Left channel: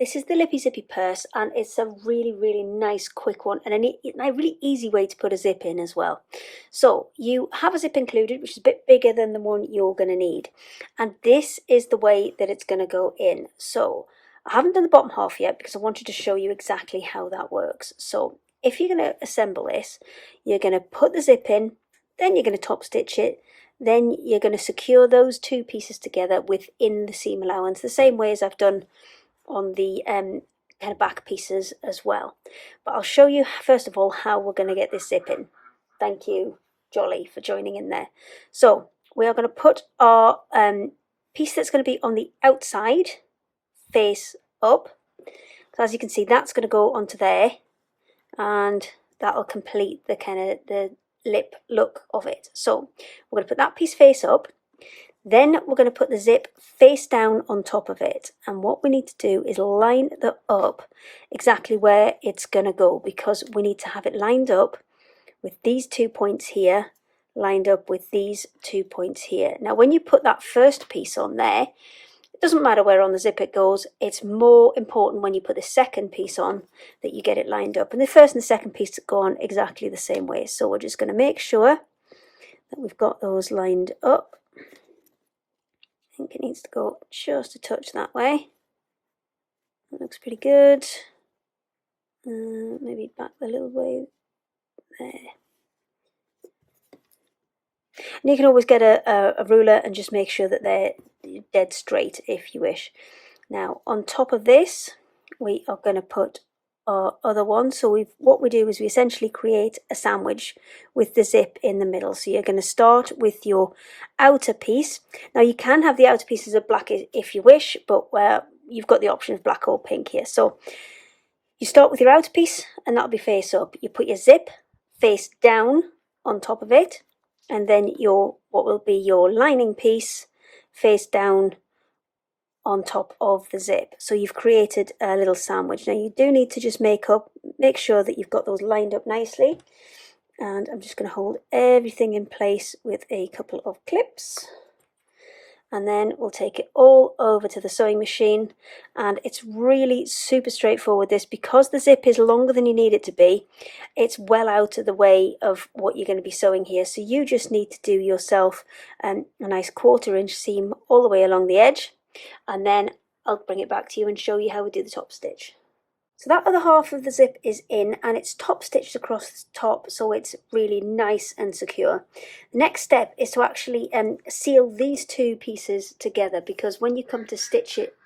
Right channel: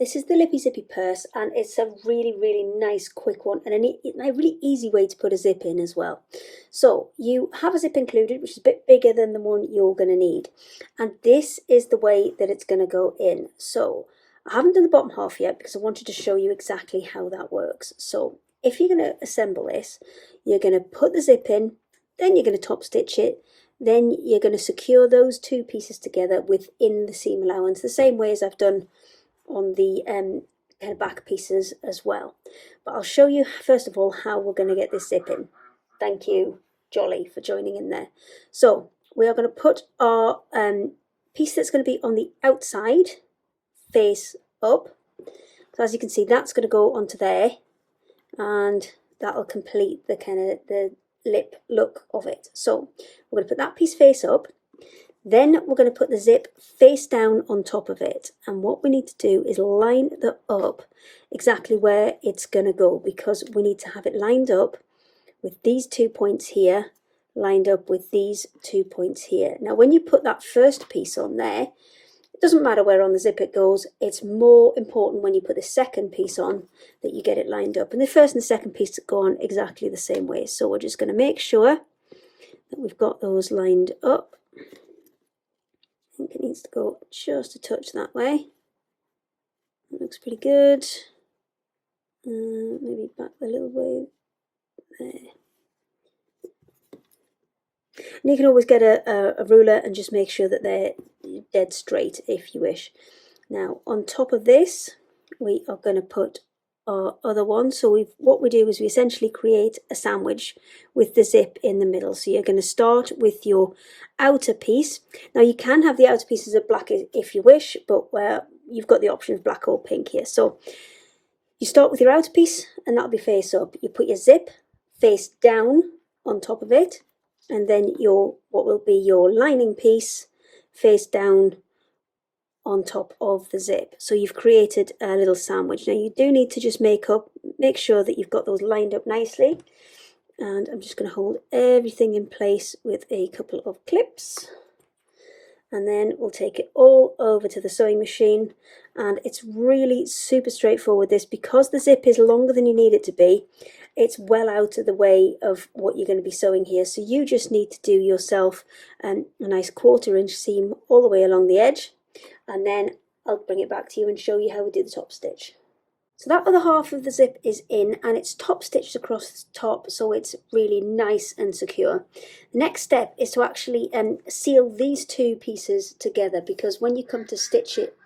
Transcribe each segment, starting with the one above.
This is the Lippy Zippy purse, and it's a really, really nice, quick one, and a really easy way to put a zip in as well. So you have a zip included, which is a bit bigger than the one you're going to need. And this is the way that it's going to go in. So I haven't done the bottom half yet because I wanted to show you exactly how that works. So if you're going to assemble this, you're going to put the zip in, then you're going to top stitch it, then you're going to secure those two pieces together within the seam allowance, the same way as I've done on the kind of back pieces as well. But I'll show you first of all how we're going to get this zip in. Thank you, Jolly, for joining in there. So we are going to put our piece that's going to be on the outside face up. So as you can see, that's going to go onto there, and that'll complete the kind of the lip look of it. So we're going to put that piece face up. Then we're going to put the zip face down on top of it, and what we need to do is line that up exactly where it's going to go, because we need to have it lined up with these 2 points here, lined up with these 2 points here. Now when you put that first piece on there, it doesn't matter where on the zip it goes, it's more important when you put the second piece on that you get it lined up, and the first and the second piece go on exactly the same way. So we're just going to make sure that we've got those lined up. I think it needs to go just a touch that way. That looks pretty good. Maybe back a little way there. And you can always get a ruler and just make sure that they're dead straight if you wish. Now on top of this, we are going to put our other one. So what we do is we essentially create a sandwich with the zip in the middle. So you're going to start with your outer piece. Now you can have the outer pieces of black if you wish, but you've got the option of black or pink here. So you start with your outer piece, and that'll be face up. You put your zip face down on top of it, and then what will be your lining piece face down on top of the zip. So you've created a little sandwich. Now you do need to just make sure that you've got those lined up nicely, and I'm just going to hold everything in place with a couple of clips, and then we'll take it all over to the sewing machine. And it's really super straightforward, this, because the zip is longer than you need it to be. It's well out of the way of what you're going to be sewing here, so you just need to do yourself a nice 1/4 inch seam all the way along the edge, and then I'll bring it back to you and show you how we do the top stitch. So that other half of the zip is in, and it's top stitched across the top, so it's really nice and secure. The next step is to actually seal these two pieces together, because when you come to stitch it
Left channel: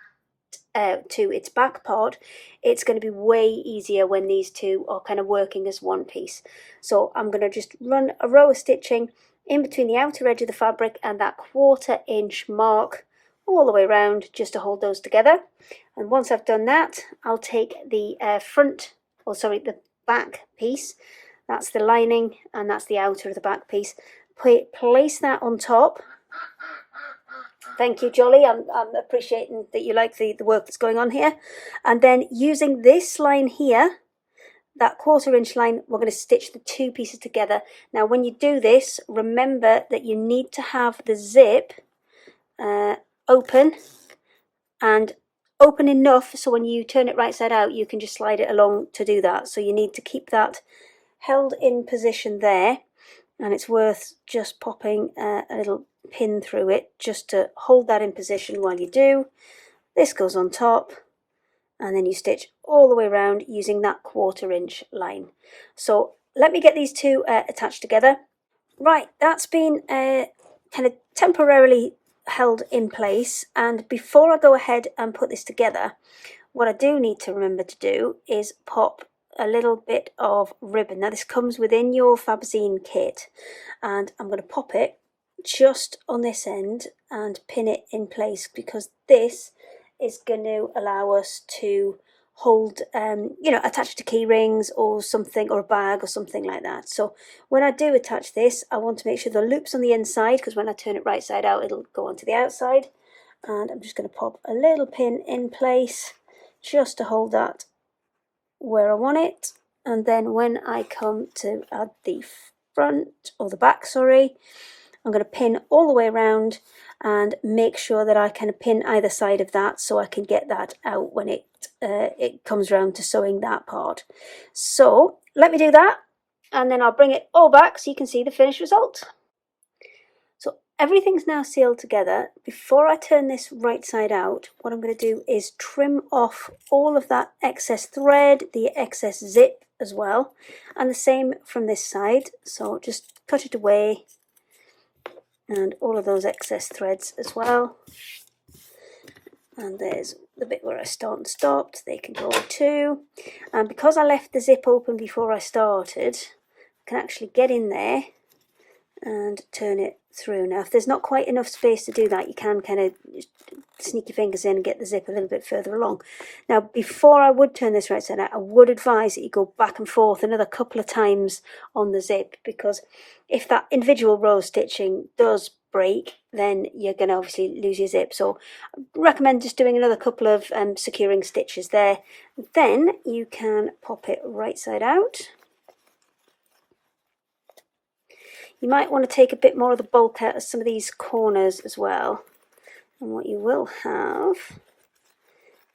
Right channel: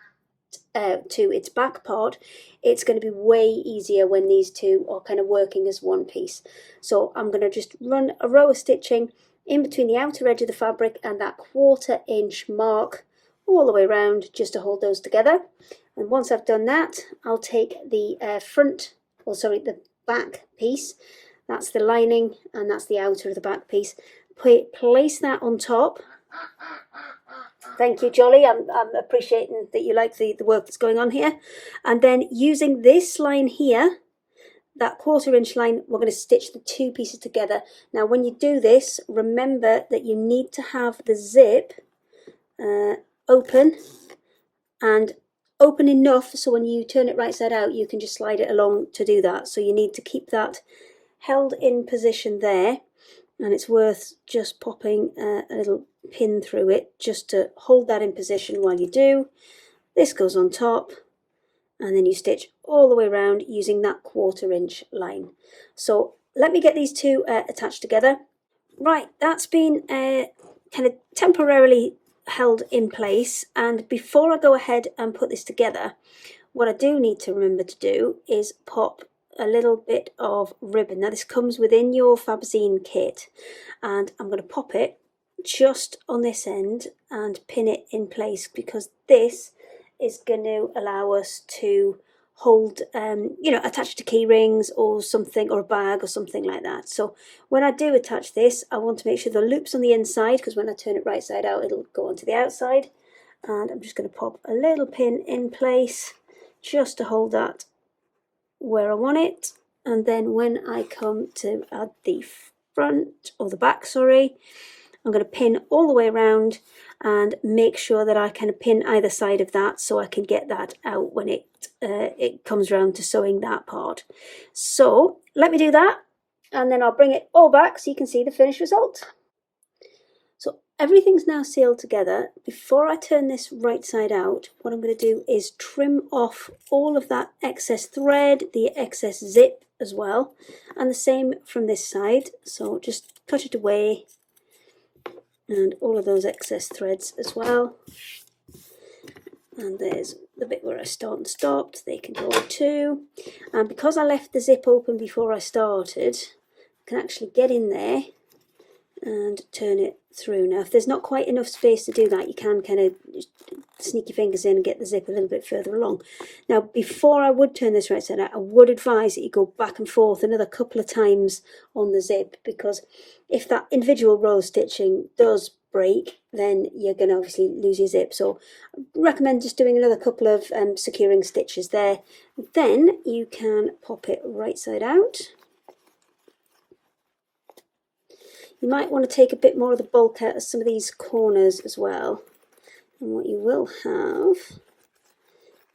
to its back part, it's going to be way easier when these two are kind of working as one piece. So I'm going to just run a row of stitching in between the outer edge of the fabric and that 1/4 inch mark all the way around, just to hold those together. And once I've done that, I'll take the the back piece, that's the lining and that's the outer of the back piece, place that on top. Thank you, Jolly, I'm appreciating that you like the work that's going on here. And then using this line here, that 1/4 inch line, we're going to stitch the two pieces together. Now when you do this, remember that you need to have the zip open, and open enough so when you turn it right side out you can just slide it along to do that. So you need to keep that held in position there, and it's worth just popping a little pin through it just to hold that in position while you do. This goes on top, and then you stitch all the way around using that 1/4 inch line. So let me get these two attached together. Right, that's been kind of temporarily held in place, and before I go ahead and put this together, what I do need to remember to do is pop a little bit of ribbon. Now this comes within your Fabazine kit, and I'm going to pop it just on this end and pin it in place, because this is going to allow us to hold attach to key rings or something, or a bag or something like that. So when I do attach this, I want to make sure the loop's on the inside, because when I turn it right side out it'll go onto the outside. And I'm just going to pop a little pin in place just to hold that where I want it. And then when I come to add the front, or the back, sorry, I'm going to pin all the way around and make sure that I can pin either side of that so I can get that out when it comes around to sewing that part. So let me do that, and then I'll bring it all back so you can see the finished result. So everything's now sealed together. Before I turn this right side out, what I'm going to do is trim off all of that excess thread, the excess zip as well, and the same from this side. So just cut it away, and all of those excess threads as well. And there's the bit where I start and stopped, they can go too. And because I left the zip open before I started, I can actually get in there and turn it through. Now if there's not quite enough space to do that, you can kind of sneak your fingers in and get the zip a little bit further along. Now before I would turn this right side out, I would advise that you go back and forth another couple of times on the zip, because if that individual row stitching does break, then you're going to obviously lose your zip. So I recommend just doing another couple of securing stitches there. Then you can pop it right side out. You might want to take a bit more of the bulk out of some of these corners as well. And what you will have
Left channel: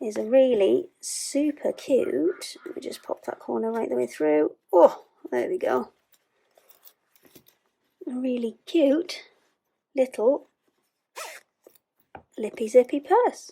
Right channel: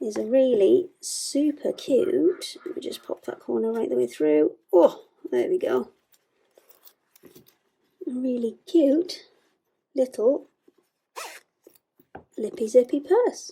is a really super cute, let me just pop that corner right the way through. Oh, there we go. A really cute little lippy zippy purse.